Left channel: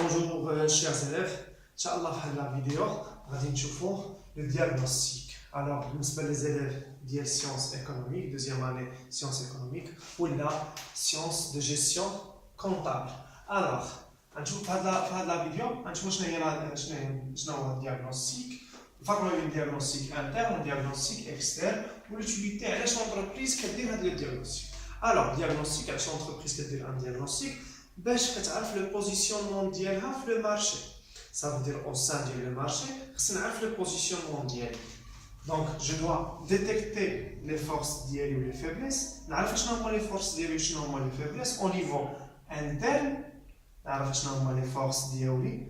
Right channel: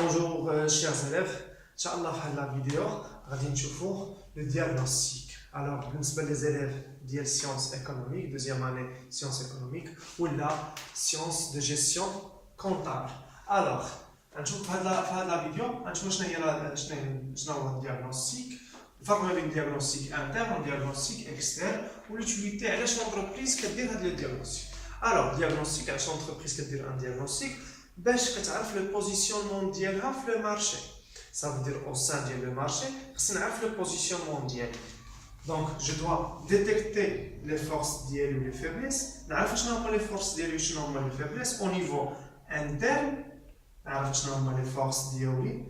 Bonjour chers élèves, Inch'Allah في هذه الفيديو غادي نشوفوا le diagnostic. Alors, بالنسبة les élèves ديال sciences économiques, deuxième année sciences économiques ou la science de gestion comptable. Alors, نشوف في هذه الفيديو نشوف شنو هو الدياغنوستيك. الفرق بين الدياغنوستيك انترن والدياغنوستيك اكسترن والutilité علاش l'entreprise كدير هذا الدياغنوستيك. Alors, diagnostic علاش l'entreprise كدير ان diagnostic باش كتعرف لو بوزيسيونمون ديالها في لو مارشي. Ça veut dire au sein ديال لو مارشي خصنا نعرف لو بوزيسيونمون ديالي. Donc je dois détecter les forces ديالي و les faiblesses. نعرف شنو هما les forces ديالي و شنو هما les faiblesses au niveau interne. نعرف شنو هما les forces ديالي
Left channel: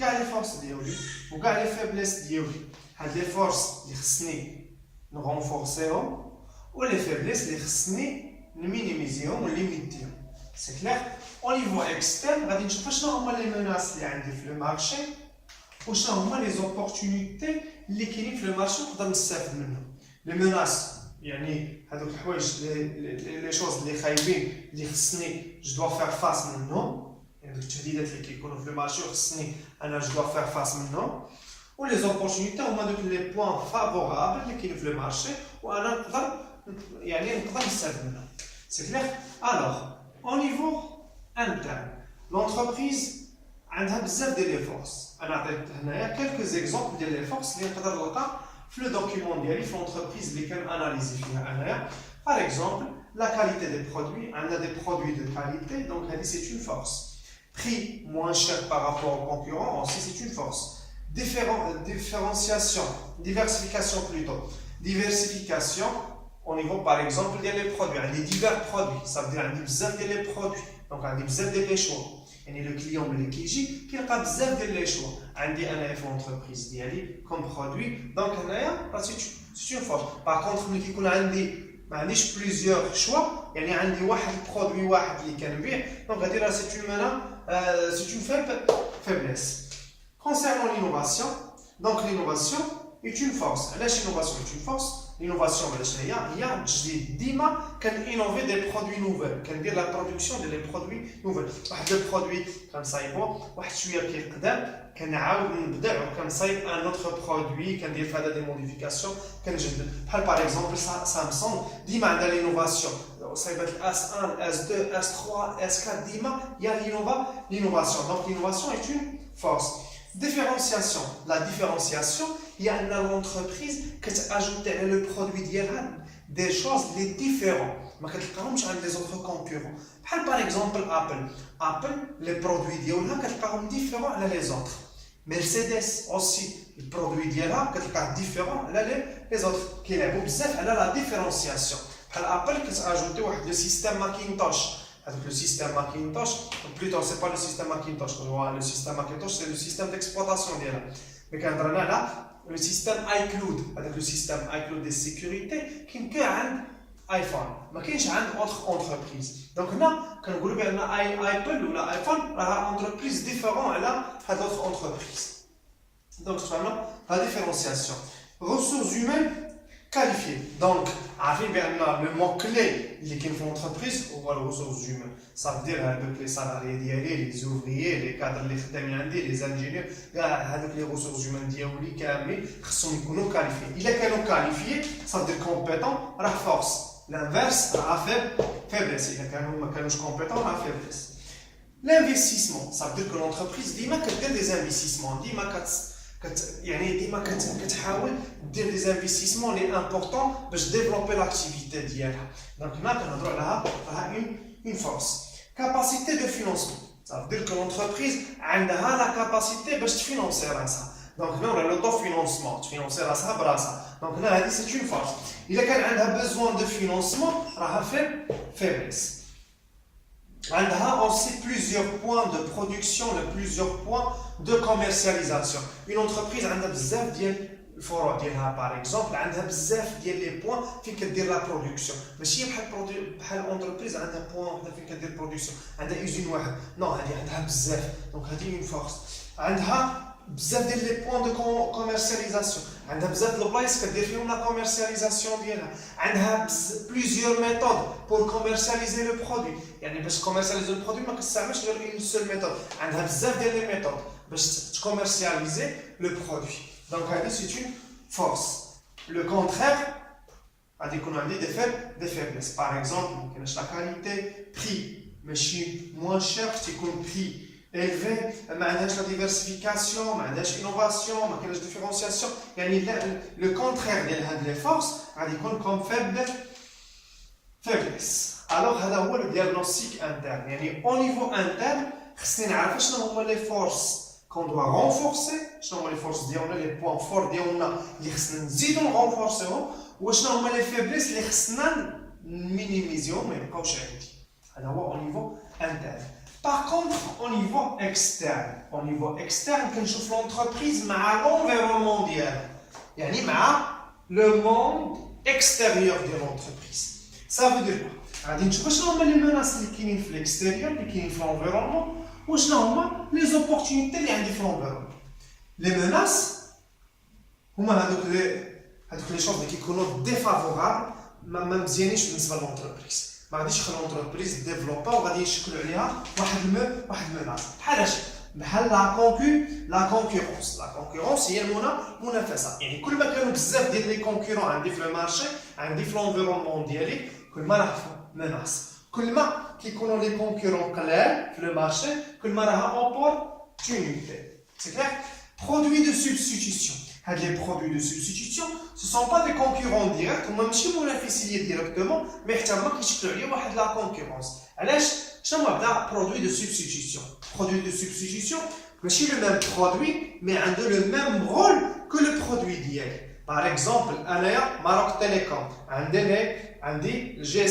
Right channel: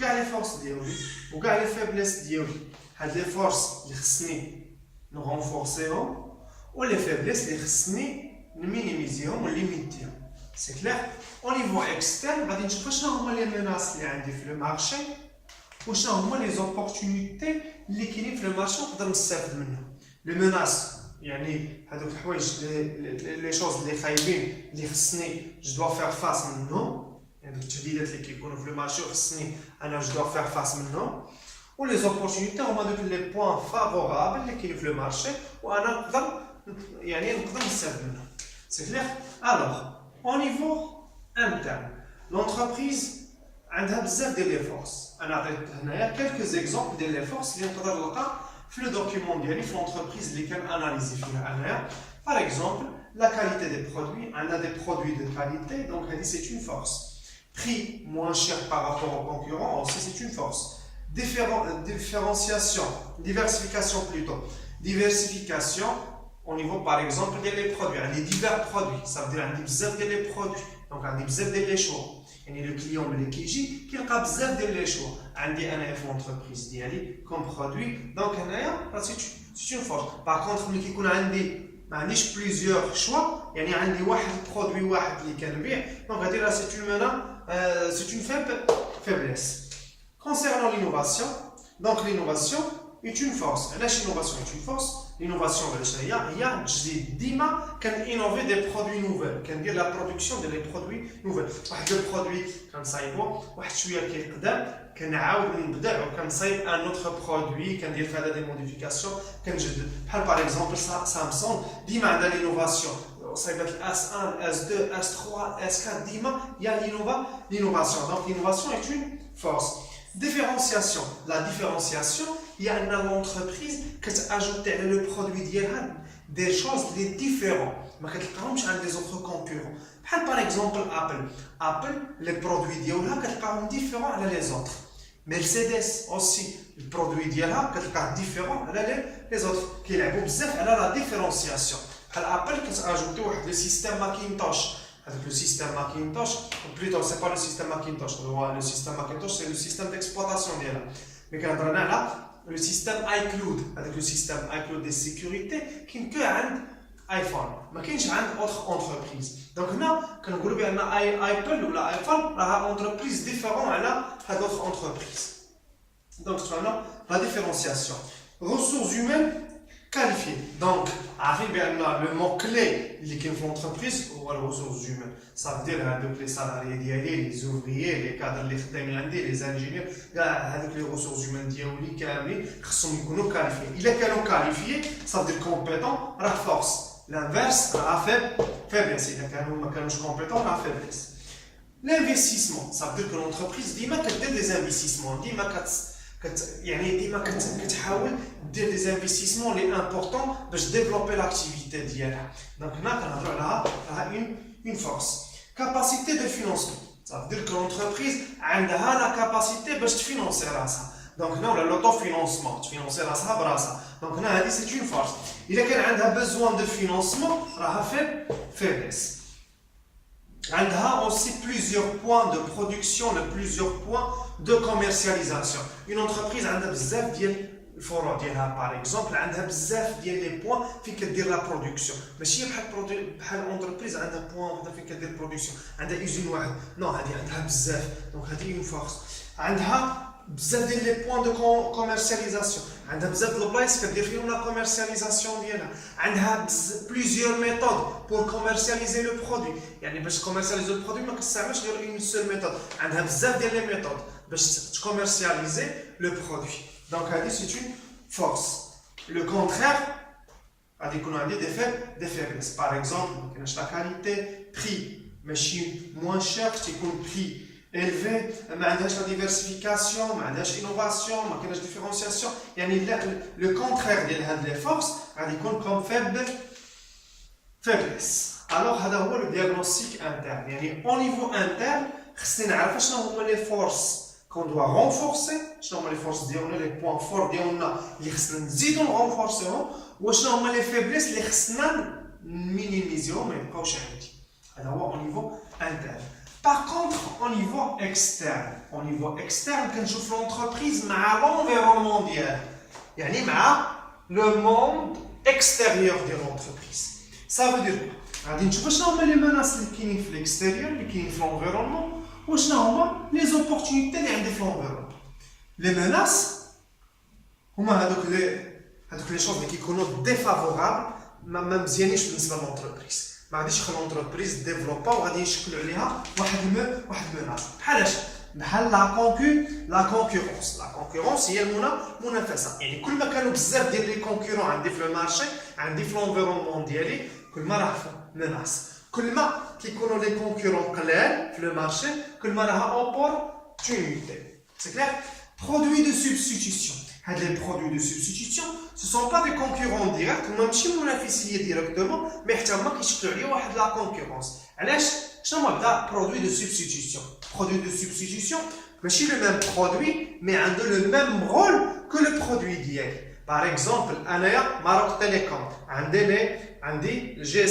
كاع les forces ديالي و كاع les faiblesses ديالي. هاد les forces اللي خصني نغونفورسيهم و les faiblesses اللي خصني نمينيميزيهم و ليميتيهم. C'est clair. Au niveau externe, غادي نشوف شنو هما les menaces اللي عندي في le marché و شنو هما les opportunités اللي كاينين في le marché نقدر نستافد منهم. Les menaces يعني هذوك الحوايج les choses اللي خايبين اللي خصني je dois faire face منهم، يعني التهديدات اللي كيكونوا في le marché خصني انا je dois faire face منهم. و les opportunités هما دوك les points favorables اللي كاينين في le marché وانا نقدر نستافد منهم. C'est clair. Alors au niveau interne, l'entreprise a des forces. On a quelques exemples des forces qui sont dans le document de l'entreprise qui est analysé. Par exemple, la qualité des produits. On a des produits de qualité, donc c'est une force. Prix moins cher par rapport aux concurrents, aussi c'est une force. Différenciation, diversification plutôt. Diversification au niveau par exemple des produits, des divers produits. Ça veut dire des produits. Donc, on a besoin de choix. Et le client qui dit qu'il a besoin de choix. On a une entreprise comme produit. Donc, c'est une force. Par contre, on a plusieurs choix. Il y a un produit qui est bien. Donc, c'est une faiblesse. Concernant l'innovation, donc l'innovation est une force. L'innovation est une force. L'innovation, il y a ديما كنinnover des produits nouveaux, كندير la production de produits nouveaux. واحد le produit كنصايبو واحد شويه كيقدم كنعاود نبدع وكنصايب un autre produit كندير فيه هذا دي موديفيكاسيون كنجدد. بحال par exemple سامسونج ديما عندها l'innovation. صايبات S1, S2, S3, S4 ديما il y a l'innovation. Donc l'innovation est une force. Différenciation. La différenciation, il y a une entreprise qui a ajouté le produit des choses différentes. Mais qui ne des autres concurrents. Par exemple, Apple. Apple, les produits sont différents les autres. Mercedes aussi, les produits sont différents les autres. Qui est la différenciation. Apple qui a ajouté le système Macintosh. Le système Macintosh, plutôt c'est pas le système Macintosh, le système Macintosh c'est le système d'exploitation. Mais quand on a là, le système iCloud, avec le système iCloud de sécurité qui peut avoir iPhone, mais qui a une autre entreprise. Donc là, quand on regarde Apple ou l'iPhone, on a une entreprise différente à d'autres entreprises. Donc vraiment, la différenciation. Ressources humaines qualifiées. Donc, le mot-clé qui est l'entreprise ou les ressources humaines. Ça veut dire les salariés, les ouvriers, les cadres, les ingénieurs, les ressources humaines qui sont qualifiés. Il est qualifié, ça veut dire compétent, la force. L'inverse, la faiblesse. Il est compétent, la faiblesse. L'investissement, ça veut dire que l'entreprise dit qu'elle a des investissements. يعني ديما كتحاول دير دي انفستيسمون لي امبورطون باش ديفلوبي لاكتيفيتي ديالها. دونك هنا كنهضروا على une force. Capacité de financement, ça veut dire que l'entreprise عندها la capacité باش تفينونسي راسها. دونك هنا ولا l'autofinancement تفينونسي راسها براسها. دونك هنا هذه c'est une force. الا كان عندها besoin de financement راها faiblesse. عندها aussi plusieurs points de production, plusieurs points de commercialisation. Une entreprise a بزاف ديال الفروع ديالها par exemple عندها بزاف ديال لي بوين فين كدير لا برودكسيون. ماشي بحال انتربريز عندها بوين وحده فين كدير برودكسيون، عندها يوزين واحد. نو هذه عندها بزاف. دونك هذه اون فورس. عندها بزاف ديال لي بوين دو كوميرسياليزاسيون عندها بزاف د البلايص كدير فيهم لا كوميرسياليزاسيون ديالها عندها بليزيور ميثود بور كوميرسياليزي لو برودوي يعني باش كوميرسياليزي لو برودوي ما كتستعملش غير اون سول ميثود عندها بزاف ديال لي ميثود باش تكوميرسياليزي لو برودوي دونك هذه سي اون فورس لو كونترير غادي يكونوا عندي دي فيبليس باغ اكزومبل ما كايناش لا كاليتي بري ماشي موان شير تيكون بري élevé ما عندهاش لا ديفيرسيفيكاسيون ما عندهاش انوفاسيون ما كايناش ديفيرونسياسيون يعني لو كونترير ديال هاد لي فورس غادي يكون كوم فيبليس الوغ هذا هو لو دياغنوستيك انترن يعني او نيفو انترن خصني نعرف شنو هما لي فورس كون دوا رونفورسي شنو هما لي فورس ديالنا لي بوين فور ديالنا اللي خصنا نزيدو نرونفورسيهم وشنو هما لي فيبليس اللي خصنا مينيميزيهم ما يبقاوش عندي هذا هو au niveau interne. Par contre, au niveau externe, كنشوف l'entreprise مع l'environnement ديالها. يعني مع le monde extérieur de l'entreprise. Ça veut dire quoi? غادي نشوف شنو هما لي menaces اللي كاينين في l'extérieur اللي كاينين في l'environnement وشنو هما les opportunités اللي عندي في l'environnement. Les menaces هما هذوك لي شوز اللي كيكونوا défavorables ما مزيانينش بالنسبه للونتربريز ما غاديش يخلي لونتربريز ديفلوبا وغادي يشكلوا عليها واحد المناس بحال لا كونكورونس هي المنافسه يعني كل ما كانوا بزاف ديال لي كونكورون عندي في المارشي عندي في لونفيرونمون ديالي كل ما راه مناس كل ما كيكونوا لي كونكورون قلال في المارشي كل ما راه اوبورتونيتي سي كلير برودوي دو سبستيتيوشن هاد لي برودوي دو سبستيتيوشن ce sont pas des concurrents directs ماشي منافسيه ديريكتومون مي حتى هما كيشكلوا عليه واحد لا كونكورونس علاش شنو هو هذا برودوي دو سبستيتيوشن ماشي لو ميم برودوي مي عنده لو ميم رول كو لو برودوي ديالي باغ اكزومبل انايا ماروك تيليكوم عندي جي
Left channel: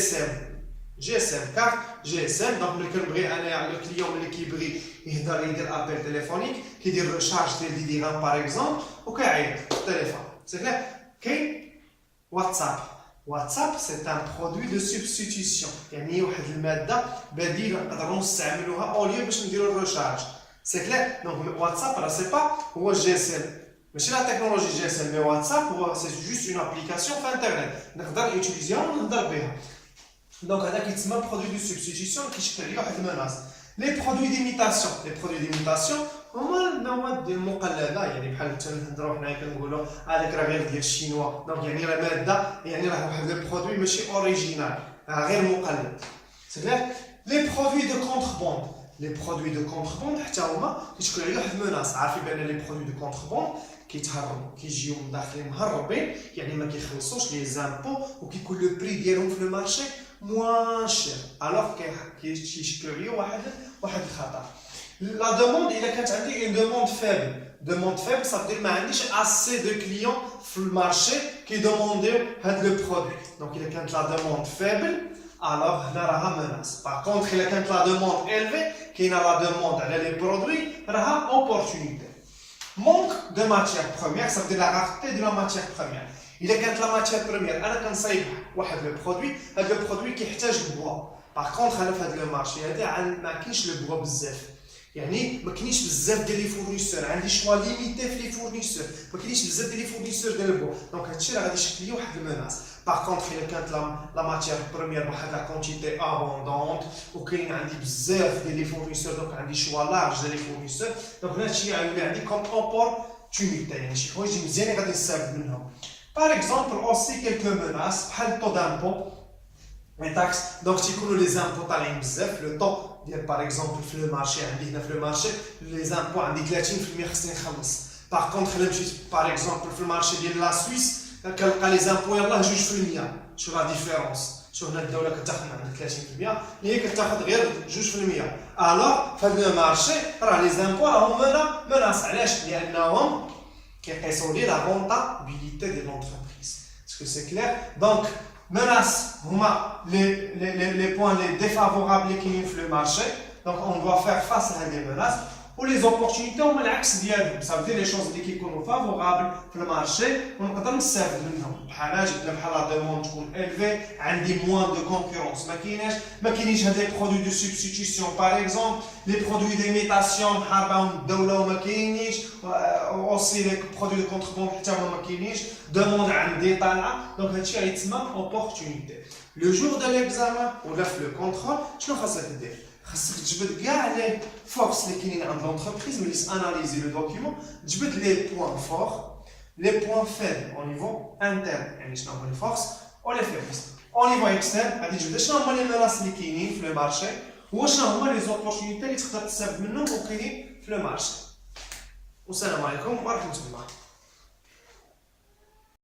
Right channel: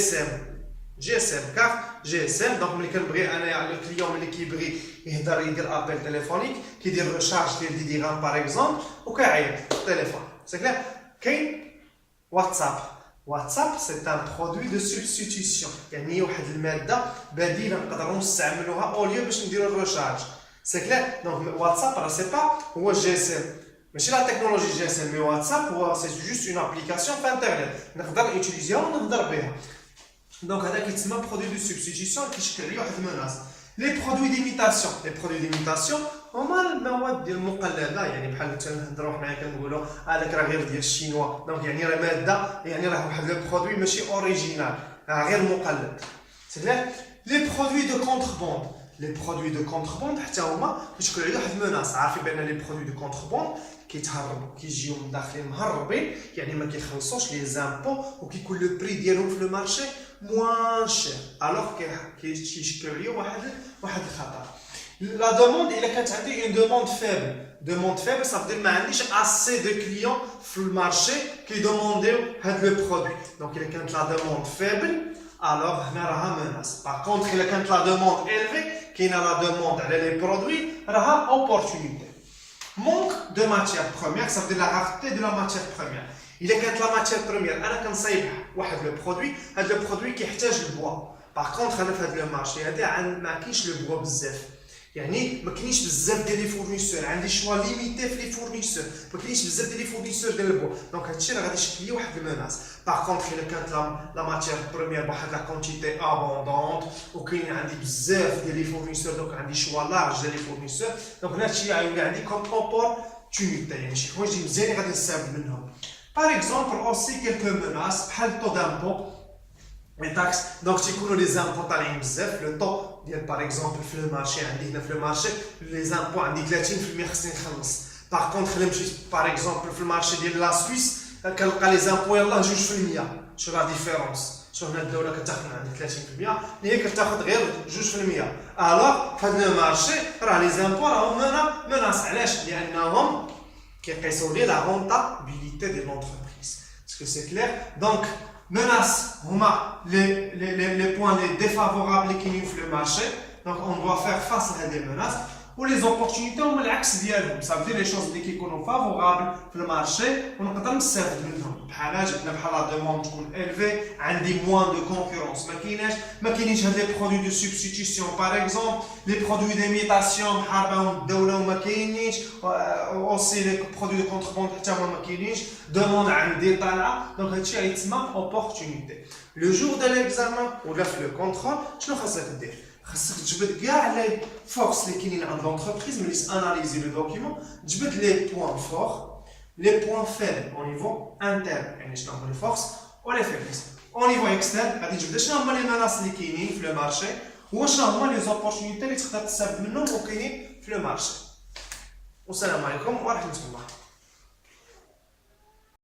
اس ام كارت جي اس ام دونك ملي كنبغي انايا الكليون ملي كيبغي يدير ابل تليفونيك كيدير ريشارج ديال 10 درهم باغ اكزومبل وكيعيط في التليفون سي كلير كاين واتساب سي ان برودوي دو سبستيتيوشن يعني واحد الماده بديله نقدروا نستعملوها اوليو باش نديروا الريشارج سي كلير دونك واتساب راه سي با هو جي اس ام ماشي لا تكنولوجي جي اس ام مي واتساب هو سي جوست اون ابليكاسيون في انترنت نقدر نوتيليزيها ونهضر بها دونك هذا كيتسمى برودوي دو سبستيتيوشن كيشكل عليه واحد المناس لي برودوي ديميتاسيون هما المواد ديال المقلده يعني بحال تنهضروا حنايا كنقولوا هذاك راه غير ديال الشينوا دونك يعني راه ماده يعني راه واحد لو برودوي ماشي اوريجينال راه غير مقلد سي كلير لي برودوي دو كونتربوند حتى هما كيشكلوا عليه واحد المناس عارفين بان لي برودوي دو كونتربوند كيتهربوا كيجيو من داخلين مهربين يعني ما كيخلصوش لي زامبو وكيكون لو بري ديالهم في المارشي موان شير الوغ كيشكلوا عليه واحد الخطر La demande, il a une demande faible. Demande faible, ça veut dire que je n'ai pas assez de clients sur le marché qui demandent le produit. Donc, il a la demande faible, alors il y a une menace. Par contre, il a la demande élevée, qui a la demande à les produits, il y a une opportunité. Manque de matière première, ça veut dire la rareté de la matière première. Il a la matière première, je vais le produit qui a le bois. Par contre, dans le marché, il y a le bois بزاف. يعني ما كاينش بزاف ديال لي فورنيسور عندي شوا ليميتي في لي فورنيسور ما كاينش بزاف ديال لي فورنيسور ديال البوا دونك هادشي راه غادي يشكل لي واحد المناس باغ كونطخ الا كانت لا ماتيير بروميير بواحد لا كونتيتي ابوندونت وكاين عندي بزاف ديال لي فورنيسور دونك عندي شوا لارج ديال لي فورنيسور دونك هادشي غيولي عندي كوم اوبورتونيتي يعني شي حوايج مزيانين غادي نستافد منهم باغ اكزومبل اوسي كيلكو مناس بحال طو دامبو les taxes donc تيكونوا لي زامبو طالعين بزاف لو طو ديال باغ اكزومبل في المارشي عندي هنا في المارشي لي زامبو عندي 30% خصني نخلص باغ كونطخ الا مشيت باغ اكزومبل في المارشي ديال لا سويس كنلقى لي زامبو يلاه 2% شو لا ديفيرونس شو هنا الدوله كتاخذ من عندك 30% هي كتاخذ غير 2% الوغ في هذا المارشي راه لي زامبو راهم مناس علاش لانهم كيقيسوا لي لا رونطابيليتي ديال لونتربريز باسكو سي كلير دونك menaces, les points défavorables qui nous le marché. Donc, on doit faire face à des menaces. ولي زوبورتونيتي هما العكس ديالهم صافي لي شوز اللي كيكونوا فافورابل في المارشي ونقدر نستافد منهم بحال جبنا بحال لا دوموند تكون الفي عندي موان دو كونكورونس ما كاينينش هاد لي برودوي دو سوبستيتيسيون باغ اكزومبل لي برودوي ديميتاسيون بحال راهم الدوله وما كاينينش اوسي لي برودوي دو كونتربوند حتى هما ما كاينينش دوموند عندي طالعه دونك هادشي غيتسمى اوبورتونيتي لو جور دو ليكزامان ولا في لو كونترول شنو خاصك دير خاصك تجبد كاع لي فورس اللي كاينين عند لونتربريز ملي اناليزي لو دوكيومون تجبد لي بوين فور لي بوين فيبل او نيفو انترن يعني شنو هما لي فورس و لي فيبلس او نيفو اكسترن غادي تجبد شنو هما لي مناص اللي كاينين في لو مارشي وشنو هما لي زوبورتونيتي اللي تقدر تستافد منهم وكاينين في لو مارشي والسلام عليكم ورحمه الله